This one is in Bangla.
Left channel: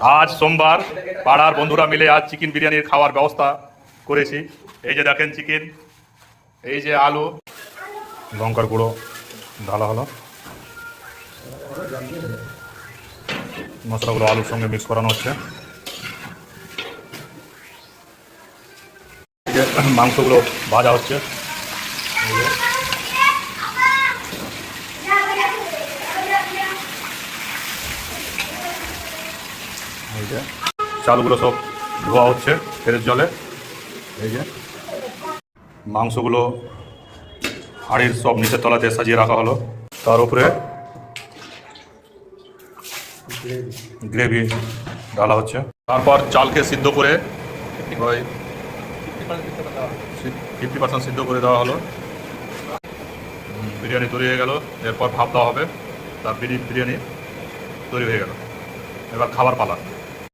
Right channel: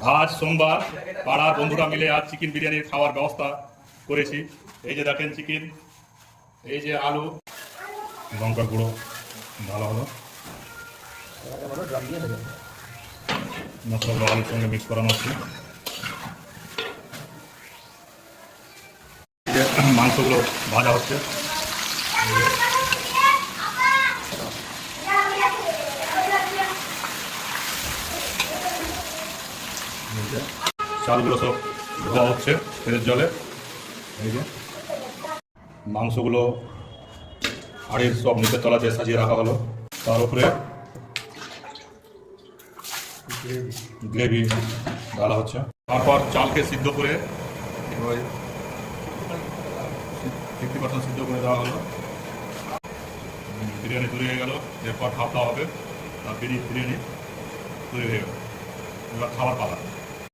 আজ সোমবার পাড়ার বন্ধুরা মিলে আজ চিকেন বিরিয়ানির খাওয়ার ব্যবস্থা করেছি। এই যে দেখেন চিকেন, এই যে আলু, লঙ্কার গুঁড়ো ঢালা হলো, মশলাগুলো আলুর সঙ্গে মিক্স করানো হচ্ছে। এই যে মাংসগুলো ভাজা হচ্ছে, এই যে চালগুলো সব ধোয়া হচ্ছে ফেরের জলে। এই যে মাংসগুলো হাঁড়ির সব নিচের তলাতে সাজিয়ে রাখা হলো, তার উপরে গ্রেভি ঢালা হচ্ছে। তারপর চালকে সিদ্ধ করে ওই 50% সিদ্ধ করে দেওয়া হলো। বিরিয়ানি তৈরি হয়ে গেল। এরপর ভাপ দেওয়া হবে, তার বিরিয়ানি তৈরি হয়ে গেল। এবার খাবার পালা।